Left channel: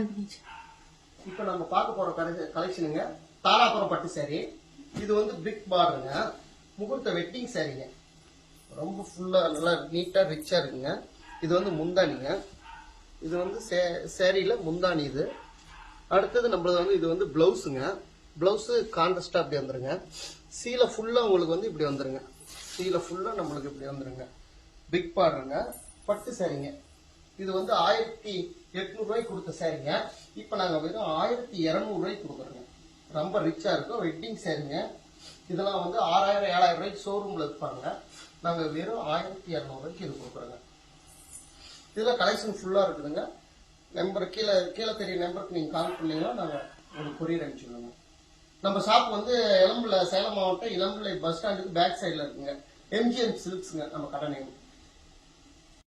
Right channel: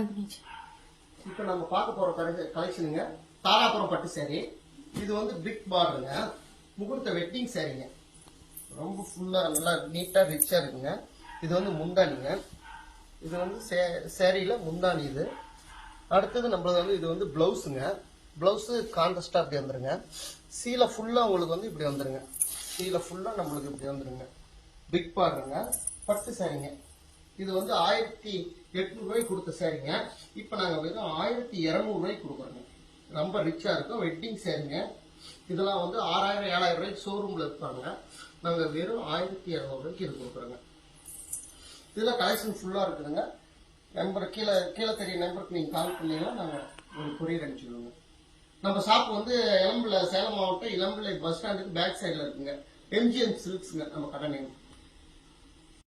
On பண்ணிச்சு. இப்போ நம்ம பார்க்க போற கலெக்ஷனுங்க தாராபுரம் பட்டு saree. இது வந்து பிக் பார்டருங்க, முகூர்த்த வெட்டிங் சாரீங்க. ரொம்ப ஃபுல்லா நல்லா நீட்டா ரிச்சா இருக்குங்க. இது வந்து முந்தானிங்க. இது வந்து சாரியில முந்தானி. இது அடுத்தது நம்மளது வந்து இது வந்து பிளவுஸுங்க. பிளவுஸ் கான்ட்ராஸ்டா அப்படி வந்துருங்க. சீலை ஃபுல்லா உங்களுக்கு வந்து இப்படி வந்துருங்க. சீலை ஃபுல்லா நம்மளுக்கு இப்படி வந்துருங்க. பிக் பார்டருங்க, பட்டு சாரீங்க. இது வந்து 1800 ரூபாய்க்கு கொடுத்த சாரீங்க. இப்போ நாங்க வெறும் 1200 ரூபாய்க்கு கொடுக்குறோங்க. ரொம்ப ரிச்சா இருக்கும். வெட்டிங் சாரீங்க. இதெல்லாம் வந்து 6000 7000 ரூபாய்க்கு ஷோரூம்ல இருப்பாங்க. நாங்க வெறும் 1200 ரூபாய்க்கு இது கொடுக்குறோங்க. இதுல கலெக்ஷன் ஃபுல்லா இருக்குதுங்க. நம்பர் கீழே தெரிய நம்பருக்கு நீங்க கால் பண்ணீங்கன்னா நாங்க ஒரு கொரியர் அனுப்பிச்சிடுவோங்க. நம்ம ஷாப் வந்து இளம்பிள்ளை, சேலம் மாவட்டம் இளம்பிள்ளை பஸ் ஸ்டாண்டுக்கு பேக் சைட்ல இருக்குங்க. எம்ஜிஎம் சில்க்ஸ்ங்க நம்ம கடை நேம்.